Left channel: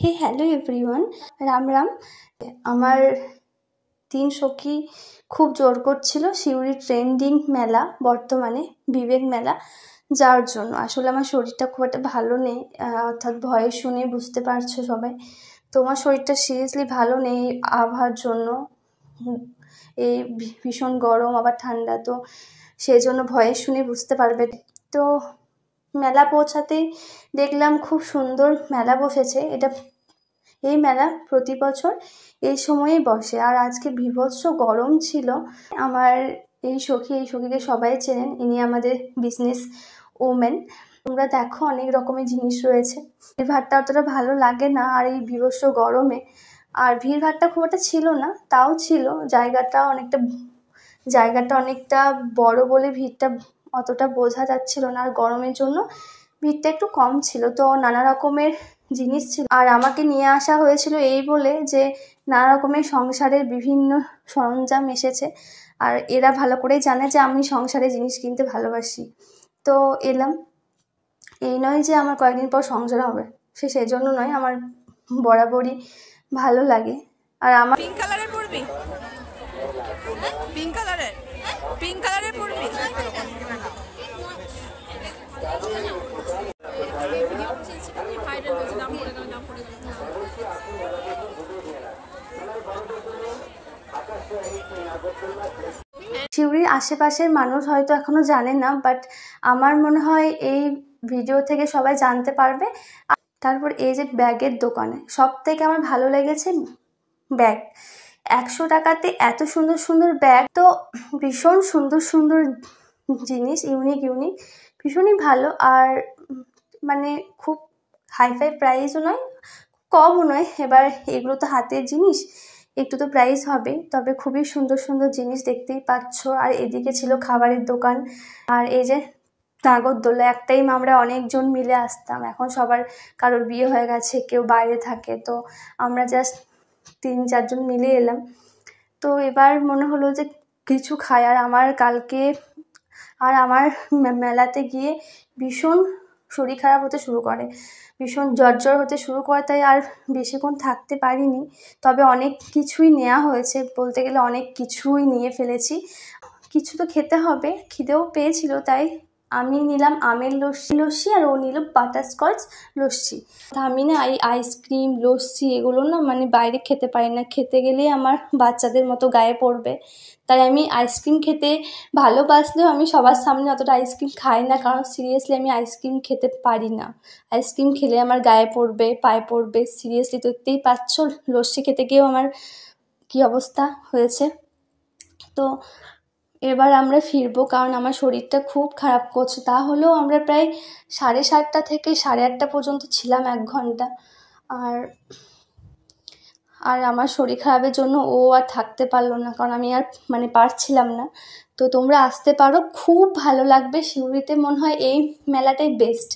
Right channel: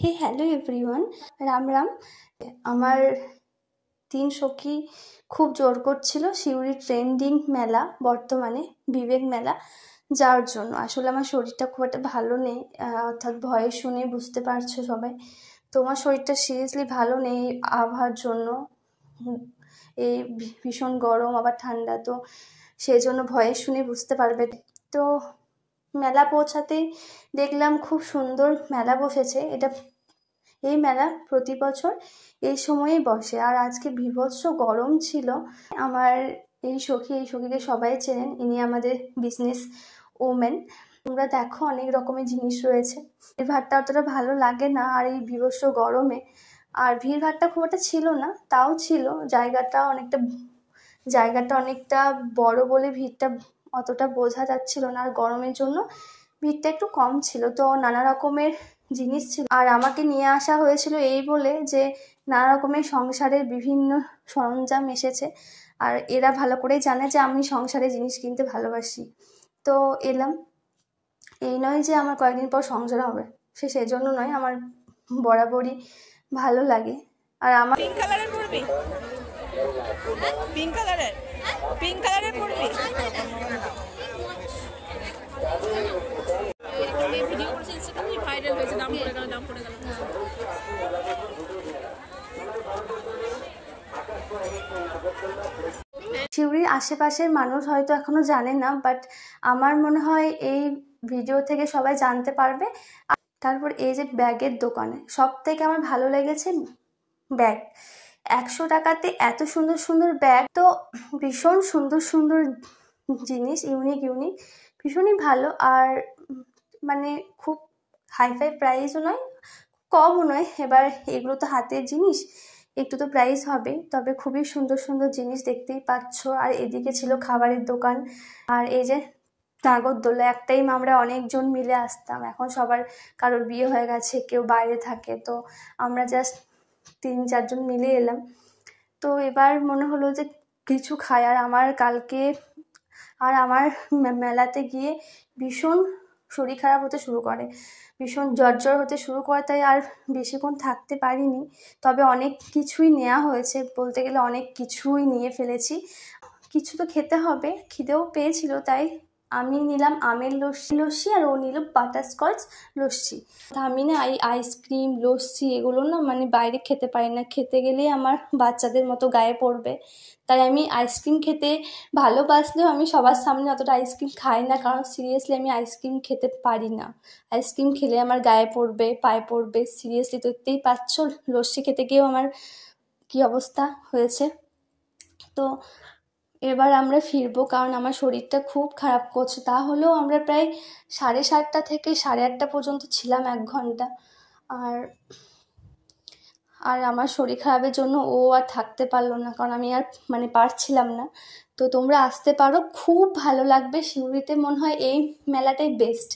হে hello everyone, Ram Ram. আমার 3 সখী খুব জোর করছিল সিউড়ি ট্রেন্ডিং মেলা, বর্তমানে বিবেক মেলা যাওয়ার জন্য। আসলে আমার শরীরটা খুব একটা ভালো নেই, অর্থাৎ ভয়ে শুনে বুঝতে পারছো সবাই। তোমার শরীরটা সিরিয়াসলি ভালো নেই আবহাওয়ার জন্য, এই ভীষণ গরম আবার ঠান্ডা, তো সেই জন্য ভয়ে শুনে বুঝতে পারবে। তো মেলা পৌঁছাতেই দেখলাম খুব সুন্দর মেলা বসেছে। এই মেলা প্রতি বছর এই সময়েই বসে, আর আজকে বীভৎস গরম ছিল। আমার এই সখীকে সবাই চেনেন, ইনি আমাদের বিজনেস ওমেন। তোমরা দেখো অনেক রকমের জিনিস রয়েছে, ভিড়ভাড়টা অতটা ভালো লাগে না আর এই বীভৎস গরমে। আর ভিড়ভাড়টা খুব একটা ছিল না, তাও ছিল। জায়গাটা অনেকটা বড় বলে ভিড়টা অতটা বোঝা যাচ্ছিল না, আর গরমের জন্য ভিড়টা একটু কম ছিল। তো নানা রকমের জিনিস ছিল, আর আমাকে নিয়ে আসা হয়েছিল এই বলে যে নানা রকমের সংসারের বিভিন্ন সরঞ্জাম এসেছে, আর এরা ভালো করেই জানে যে আমি সংসারের জিনিস কিনতে ভালোবাসি। তো এলাম, এই নয় যে আমার কয়েকদিন পর সংসার হবে, সেজন্য নয়, আমার বরাবরই ভালো লাগে। আর আমার পিঙ্ক কালারের পরবি, পিঙ্ক কালারের পরবি। সিউড়ির আশেপাশের মানুষ হয়তো এখনো জানে না, বাট আমার মনে হয় এই ভিডিও থেকে সবাই জানতে পারবে। তারপর এই যে ব্যাগের দোকানে সব থেকে আমার ভালো লেগেছে ব্যাগ। 100 টাকাতে এত সুন্দর সুন্দর ব্যাগ, তো ভীষণ সুন্দর সুন্দর জিনিস, ইউনিক ভীষণই ভালো। আর মানে খুব হাইফাই প্রাইসও নয়, কমও নয়। এবার এগুলো তো হাতের জিনিস, একটু তো প্রাইস হবে, তবে খুবই সুন্দর সুন্দর জিনিস দেখতেই পাচ্ছ। আর এদিকে ছিল খাবারের দোকান, আর এই যে নাগরদোলা। এক টাইম আমরা অনেকজন মিলে আসতাম, এখন সবার কারোর বিয়ে হয়ে গেছে, কেউ বাইরে থাকে, তো আমরা জাস্ট 3-4 জন মিলে এলাম। তো এবার মনে হলো যে কিছু খাই। আর আমার মেলাতে গিয়ে ভীষণ শরীর খারাপ হতে শুরু করে, ভীষণ জ্বর হতে শুরু করে, তাই আর বেশিক্ষণ থাকতে পারিনি। তবে অনেক কিছুই নেওয়া হয়েছে, বলতে গেলে অনেক কিছুই নিয়ে ফেলেছি। কিছু তো খেতে হবে, খিদেও পেয়েছিল, তাই আমি নিলাম আমের লস্যি আর ও নিল বাটারস্কচ লস্যি। আমি না এই আইসক্রিম লস্যি এগুলো না মানে বাইরে খেতে পারি না, খেতে গেলেই আমার বাচ্চাদের মতো গায়ে পড়বে। তাই আমি আইসক্রিম খেতে ভালোবাসলেও আমি সবার সামনে অতটা আইসক্রিম খাই না, কারণ সিরিয়াসলি আমি আইসক্রিম খেতে পারি না। আইসক্রিম খেলে আমার গায়ে পড়বে, পায়ে পড়বে, সিরিয়াসলি দেখতেই পাচ্ছ লস্যি খেতে গিয়েও আমার কী অবস্থা হয়েছে। তো এবার আমরা ফিরবো, কারণ আমার শরীরটা খুব খারাপ করছে। তাহলেও আমরা প্রায় 7:30 থেকে 8:30 পর্যন্ত ছিলাম, 1 ঘন্টা। আর আমার শরীর খারাপের জন্য ও আর থাকতে পারলো না, কারণ আমি আর মানে পারছিলাম না। তো তোমরা আসতে পারো, খুব ভালো লাগবে। সিউড়িতে মনে হয় এই মেলাটাই বেস্ট।